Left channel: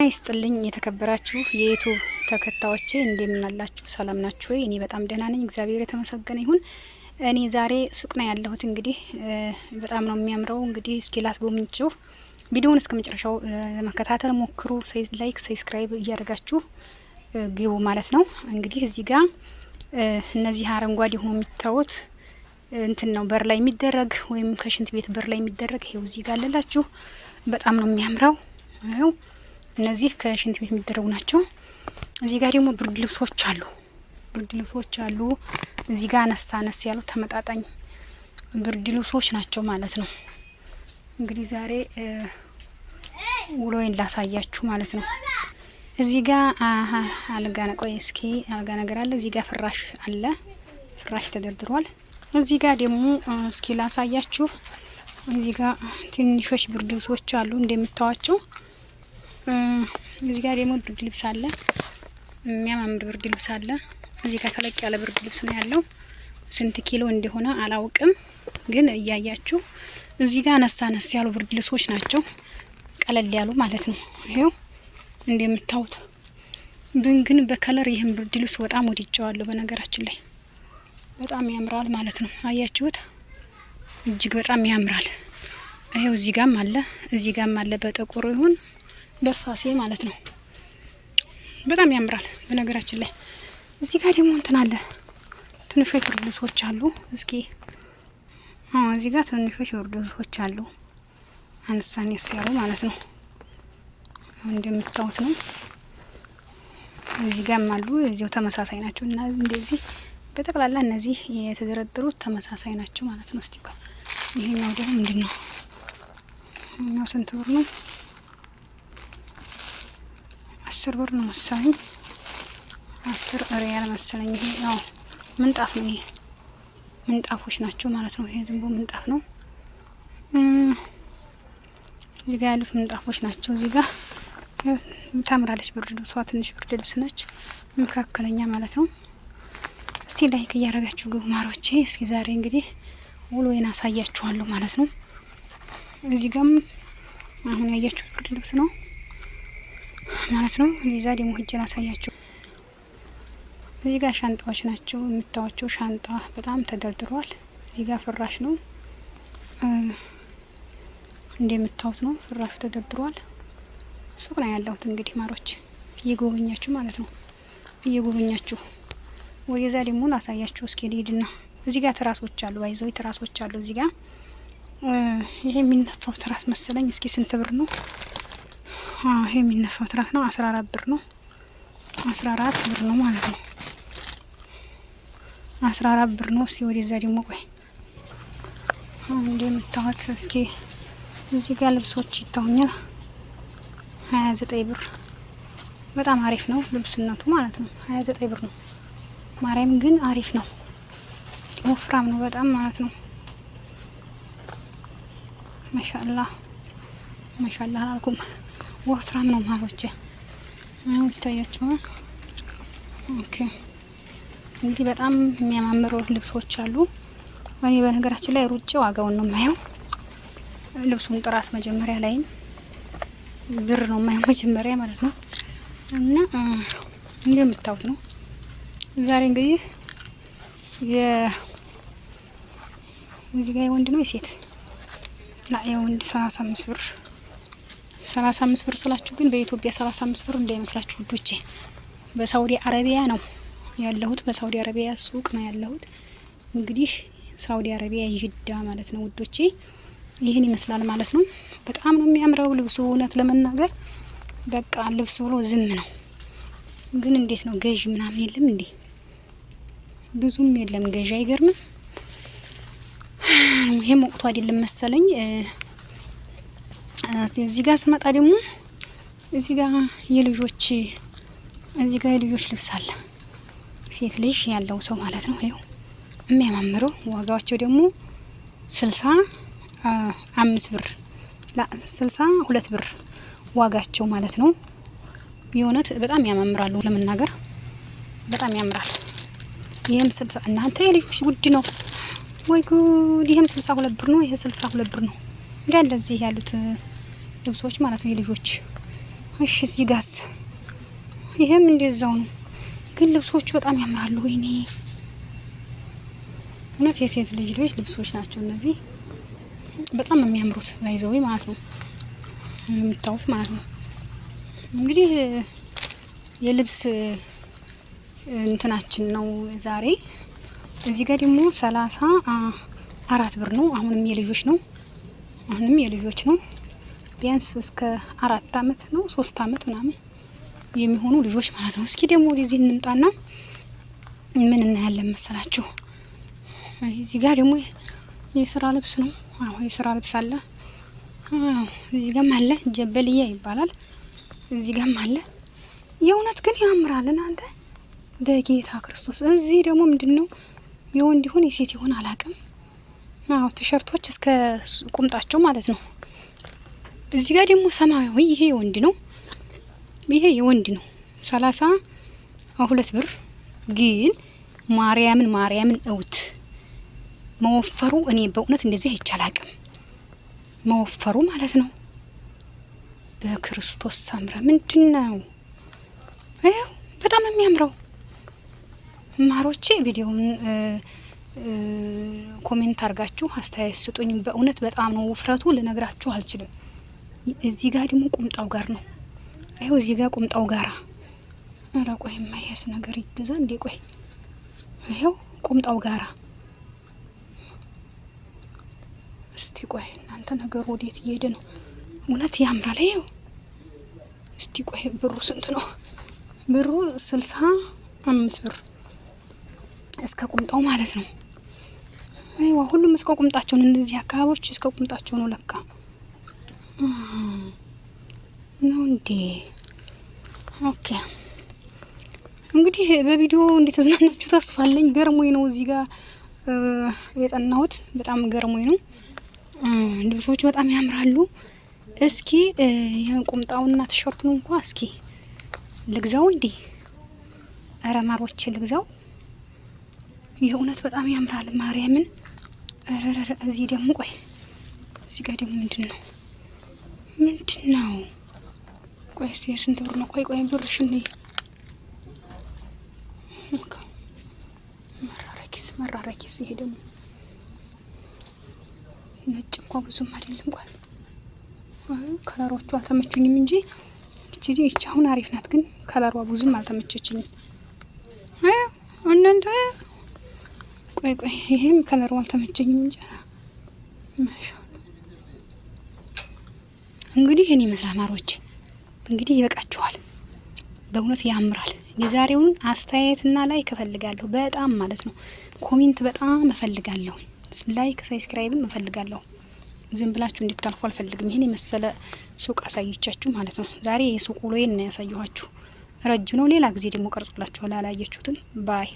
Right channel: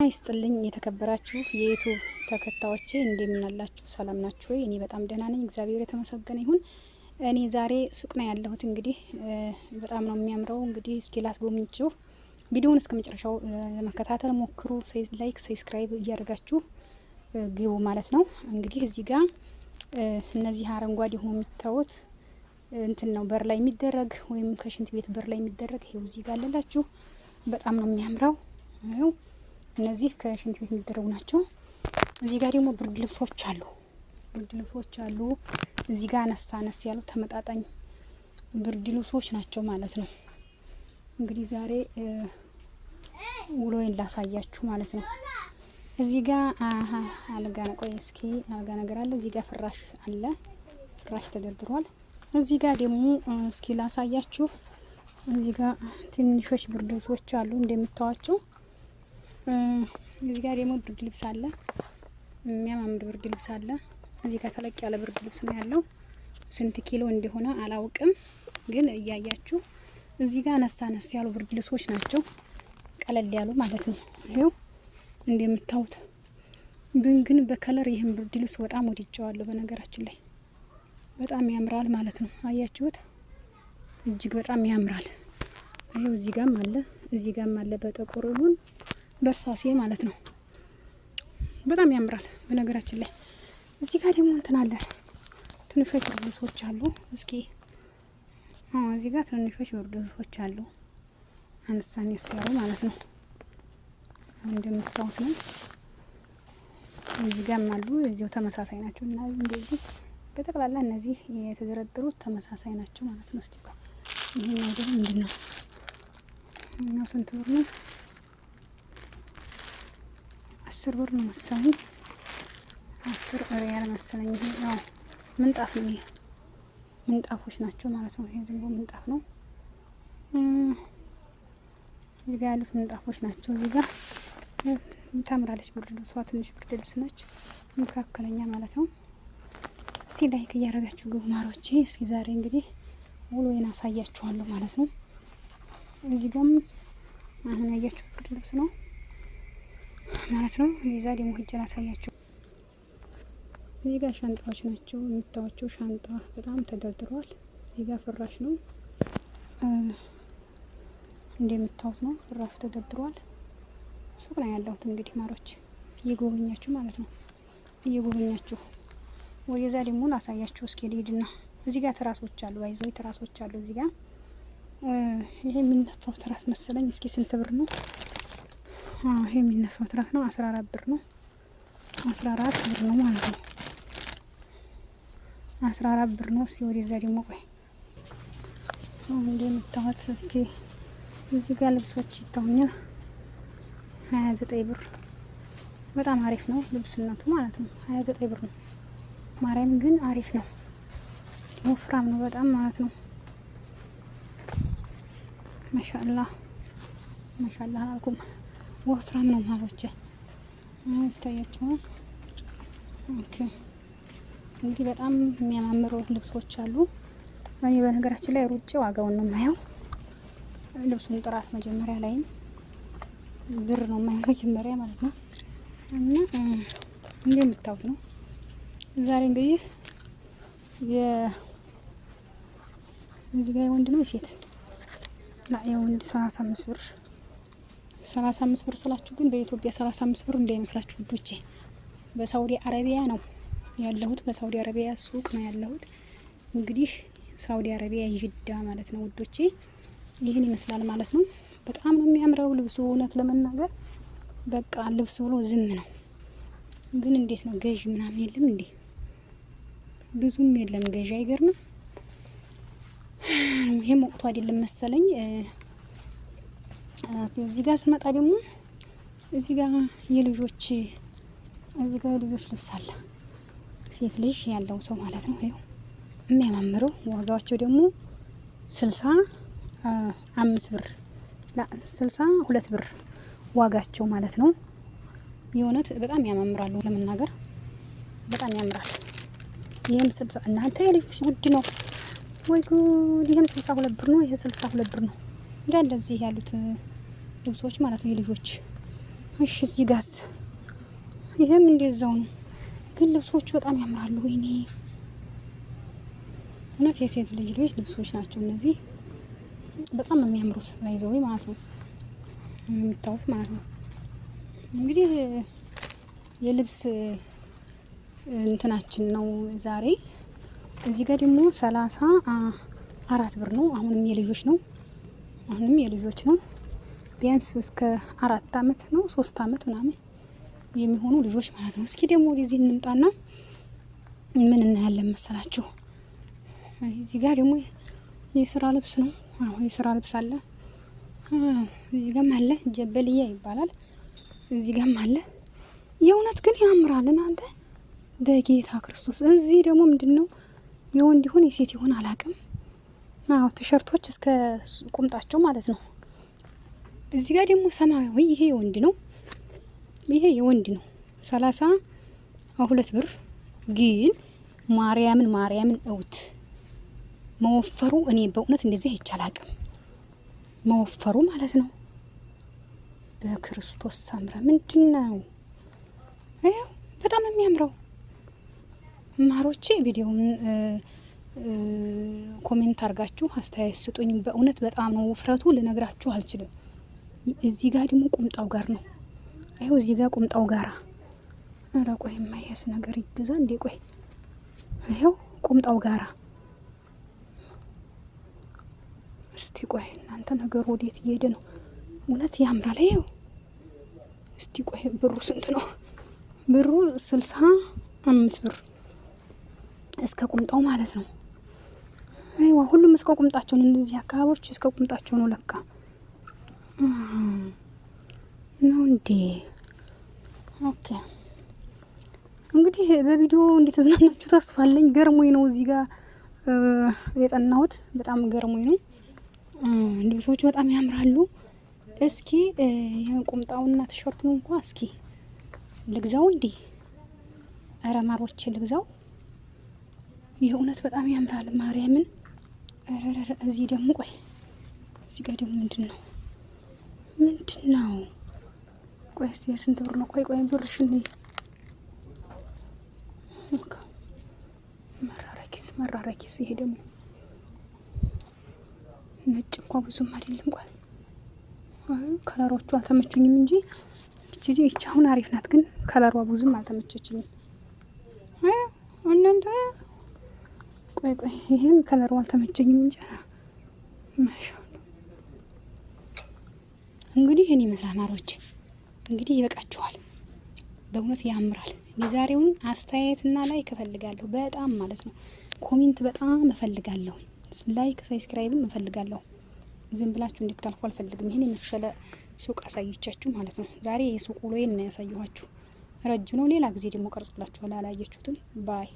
ይስጥልኝ የተከበራችሁ የዩቲዩብ ተከታዮቼ እንደምን አላችሁ? ሰላም ናችሁ ወይ? እኔ በጣም ደህና ነኝ፣ እግዚአብሔር የተመሰገነ ይሁን። እኔ ዛሬ ሱቅ ነው ያለሁት። እንግዲህ በጣም ነው የሚያምረው። እንግዲህ እስኪ ላስጎብኝችሁ። ቪዲዮውን እስከ መጨረሻው ለመከታተል ሞክሩ። ላይክ፣ ሰብስክራይብ እያደረጋችሁ ግቡ ማለት ነው። እንግዲህ እዚህ ጋር እነዚህ አረንጓዴ ሆኖ የሚታዩት እንትን ነው በር ላይ የሚደረግ ወይም ከሽንት ቤት በር ላይ የሚደረግ ይሄው እዚህ ጋር አለላችሁ። በጣም ነው የሚያምረው። ይሄው እነዚህ ከሽንት ቤት የሚደረጉ ናቸው። እዚህ ጋር ደግሞ ብርድ ልብሶች አሉ። እዚህ ጋር አነስ ያሉ ተመጣጣኝ ብርድ ልብሶች ናቸው ማለት ነው። እንግዲህ ዛሬ ውሎዬን ላሳያችሁ ማለት ነው። እዚህ ጋር አልጋ ቆይ እስኪ አልጋ ነገር አለ። እዚህ ጋር ፍራሽ አለ፣ ፍራሽ ተደርድሯል። እዚህ ጋር ደግሞ እስኪ ላሳያችሁ። እዚህ ጋር ትንሾች ብርድ ልብሶች አሉ እንደምታዋቸው። እዚህ ጋር ደግሞ ብርድ ልብስ አለ፣ የሚያማምር ብርድ ልብስ አለ። እዚህ ጋር ተለቅ ያለ ብርድ ልብስ ነው ያለው። ስንት ኪሎ እንደሆነ አላውቅም፣ ግን እያያችሁ እዚህ ጋር አነስ ያሉ ብርድ ልብሶች ናቸው፣ ቀለል ያሉ ማለት ነው። ይሄው እንደምታዩት ግን በከለር ይሄን ብርድ ልብስ በጣም ወድጄዋለሁ። በነገራችን ላይ በጣም ያምራል ማለት ነው። አያችሁት? እጅግ በጣም ያምራል። ይሄው እዚህ ጋርም አለ በጥቁር ይሁን በርሳሴ ማለት ነው። በጣም ያምራል በነገራችን ላይ። እዚህ ጋር ደግሞ እንትን አለ፣ ትንሾች ብርድ ልብሶች አሉ። እስኪ እዚህ ጋር ትንሾች ብርድ ልብሶች አሉ፣ አነስ ያሉ ማለት ነው። እንደምታዩት ነው። እዚህ ጋርም አሉ፣ እዚሁ ተመሳሳይ ናቸው እና እንደዚህ በጠቅላላ እነዚህ የተደረደሩት ተመሳሳይ ናቸው ማለት ነው። እስቲ ይሄኛው ደግሞ ምንድነው? ይሄኛው ስንት ብር ነው? 10 ብር ነው መሰለኝ፣ 10 ሪያል መሰለኝ። ይሄ ነው ምንጣፍ ነው። ይሄ ምንጣፎች ናቸው ማለት ነው። ይሄ ዝም ብሎ ምንጣፍ ነው። እዚህ ጋር ያሉት ምንጣፎች ናቸው። እዚህ ጋር ታምራለች ብርድ ልብሷ፣ ትንሽ ብርድ ልብስ ነች፣ መካከለኛ ማለት ነው። እስቲ ላይክ እያደረጋችሁ ግቡ ማሮቼ። እስኪ ዛሬ እንግዲህ ውሎዬን አሳያችኋለሁ ማለት ነው። እዚህ ጋርም አሁን ያያችሁ ብርድ ልብስ ነው ማለት ነው። እዛ ደግሞ ሂጅን አሳያችሁ። እዚህ ጋር ሻንጣዎች ናቸው የምታዋቸው። ሻንጣ በጣም ተደርድሯል። እዚህ ጋር ፍራሽ ነው እንደምታዩት ነው። ፍራሹ ተደርድሯል። ሱቅ ነው ያለሁት እንግዲህ ማሮች፣ እየጎበኛችሁ ማለት ነው። እየጎበኛችሁ ወደዛ ደግሞ ላሳያችሁ እስኪ ልሂድና። እዚህ ጋር ትራሶች አሉ፣ ባይዘው ትራሶች አሉ እዚህ ጋር። ይሄ የሚነፋው ትራስ መሰለኝ። እስኪ ስንት ብር ነው? ይሄ የሚነፋው ትራስ ነው 14 ብር ነው። 14 ብር ነው ማለት ነው። 14 ብር ነው። እስኪ ወደዛ ደግሞ ቆይ እንደምታዩት እስኪ እዚህ ጋር ልብሶች ይታዩኛል። 29 ብር በጣም አሪፍ ነው ልብስነቱ ማለት ነው። 29 ብር ነው። ማርያም ግን አሪፍ ነው፣ ወፍራም ነው በጣም ማለት ነው። ማሻአላህ አላልኩም፣ ወፍራም ነው ማሮቼ። ይታያችሁ። ኦኬ እንግዲህ በጣም የሚያማምሩ ልብሶች አሉ። እኔ በነገራችን ላይ ሩጬ ዋጋውን ነው የማየው፣ ልብሱን ጥራት መጀመሪያ ላይም ብር ነው የማየው መጀመሪያ ማለት ነው። እና እንደምታዩት ነው ዛሬ እንግዲህ እዚህ ጋር የወንድ ነው የሴት የወንድ 35 ብር 35 ብር ስላችሁ ግን በኢትዮጵያ 35 ብር እንዳይመስላችሁ ውዶቼ። በሳውዲ አረቢያ ነው ያለሁት፣ በሳውዲ አረቢያ ሱቅ ነው ያለሁት። እንግዲህ ሳውዲ አረቢያ ይጅዳ ማለት ነው ውዶቼ። ይህን ይመስላል ማለት ነው። በጣም ነው የሚያምረው ልብሱ። እውነት ለመናገር በቃ ልብስ ብሎ ዝም ነው። ግን እንዴት ነው ገዥ ምናምን የለም እንዴ? ብዙም የለም ገዥ። አይገርምም? ይሄም ወቅቱ አይደለም መሰለኝ። እዚህ ጋር ስመጣ ደግሞ እዚህ ጋር የልጆች ልብስ አለ፣ ሴት ልጅ ያለው ሰው ማለት ነው። ይሄው የሚያማምረው ዋጋቸው ደግሞ 65 ብር 62 ብር ዋጋቸው ማለት ነው። የእውነት በጣም ያማምራሉ ለመናገር በጣም ያምራል። ይሄም 60 እናንተ የልጆች ውድ ነው ወይ ጉድ! ይሄም 62 ብር ነው። ይሄ 62 ብር ነው። እንደዚህ ያሉት ልብሶች ማለት ነው የልጆች እሺ እዚህ ጋስ ይሄም እንደዛው ነው። ግን ልብሶቹ በጣም ያምራሉ። ወይኔ እውነት የሴት ልጆች ልብሶች ናቸው እነዚህ። በጣም ነው የሚያምሩት ባይዘው ማለት ነው የምታዩት ማለት ነው። እንግዲህ የልብስ እንትናችን ነው ዛሬ። እዚህ ጋር ደግሞ 34 ብር ነው። አሁንም የልጆች ነው። ቢያንስ እስከ 4 አመት ነው 3 አመት ምናምን የሚሆኑ ልጆች ማለት ነው። እስኪ ደግሞ ወደዚህ እንምጣና ምን እናያለን መሰላችሁ? እዚህ ጋር ደግሞ የስራ ልብስ ነው። አሁን የስራ ልብስ አለ። እዚህ ጋርም አለ፣ ጀበልያ ይባላል። እዚህ ጋርም አለ። የእውነት ግን ያምራል እናንተ በጌታ ክርስቶስ። እዚህ ደግሞ ምንድነው የወንድ ይሁን የሴት ይሁን አላውቅም። ቲሸርቶች እስከ ቁምጣቸው ማለት ነው። እዚህ ጋር ደግሞ ሰማያዊ፣ ይሄ የወንድ ነው 32 ብር። ግን ማርያምን እውት መወፈሩ እኔ በእውነት እንደዚህ አይቻላቅም። መወፈሩ ማለት ነው በክርስቶስ ሳምራ ምንድነው? በጣም ነው የሚያምረው። ማሮቼ ቪዲዮውን ኮሜንት አርጋችሁ አስተያየት ስጡኝ። በእውነት በጣም ነው ውፍረቱ ልነግራችሁ አልችልም። እዚህ ጋር ደግሞ ቁምጣው ጋር ነው። አይው እዚህ ጋር ቁምጣው ጋራ አረ ቆይ የማይያስ ነገር ይገዛ እንዴ? ቆይ ይሄው ቁምጣው ጋራ እስቲ ቆይ እናንተ ነገር ወዴት እየሄደ ነው? እውነት ያምራል። ይሄው እስቲ ቆይ ብሩ ስንት ነው? ብሩ 65 ብር እስከ ቁምጣው ማለት ነው። አይዋ ሁሉም እስከ ቁምጣቸው ነው። እነዚህ አካባቢዎች እስከ ቁምጣቸው ነው ለካ ነው እንዴ? ኦኬ እንግዲህ በቪዲዮ እንደተዝናናችሁ ተስፋ አለኝ። ገርሞኝ ነው እዚህ ጋር የጠናሁት። በጣም ገርሞኝ ነው። ልብሶቹ በጣም ያምራሉ። እስኪ ይሄን ቁምጣውና ቲሸርቱን እንኳን እስኪ ልግዛው እንዴ? አረ ማሮቼ ልግዛው። የእውነት በጣም ያምራል ማርያምን። አረረረ እዚህ ደግሞ ቆይ እዚህ ጋር ደግሞ ምንድነው? ቆይ እስቲ ስንት ብር ነው? ቆይ ብርሽን ነይ መራረኪስ ይሄ ደግሞ ነጭ እንኳን ብዙም አይደለም። ቆይ ከለሮቹ አልተመቹኝም እንጂ እቺ አሁን አሪፍ ናት። ግን ከለሯ ብዙም አልተመቸችኝም። እናንተ ቆይ ይሄም ከለሩ አልተመቸኝም እንጂ እንግዲህ እኔ መስላማሮች እንግዲህ ይበቃችኋል። በእውነት ያምራል። የዛሬውን አስተያየትና ላይክ እፈልጋለሁ በጣም ማለት ነው። ኮሜንት በጣም እፈልጋለሁ። ላይክ ሰብስክራይብም እፈልጋለሁ። ዝም ብላችሁ እንድታልፉ አልፈልግም። ይሄን የመሰለ ሱቅ አሳይቻችሁ ማለት ነው። ዛሬ የሱቅ ውሎዬን ነው ያሳየኋችሁ። ረጅም ነው። ሌላ ጊዜ ደግሞ ቀርጽላችሁ ላላያችሁትን ባይ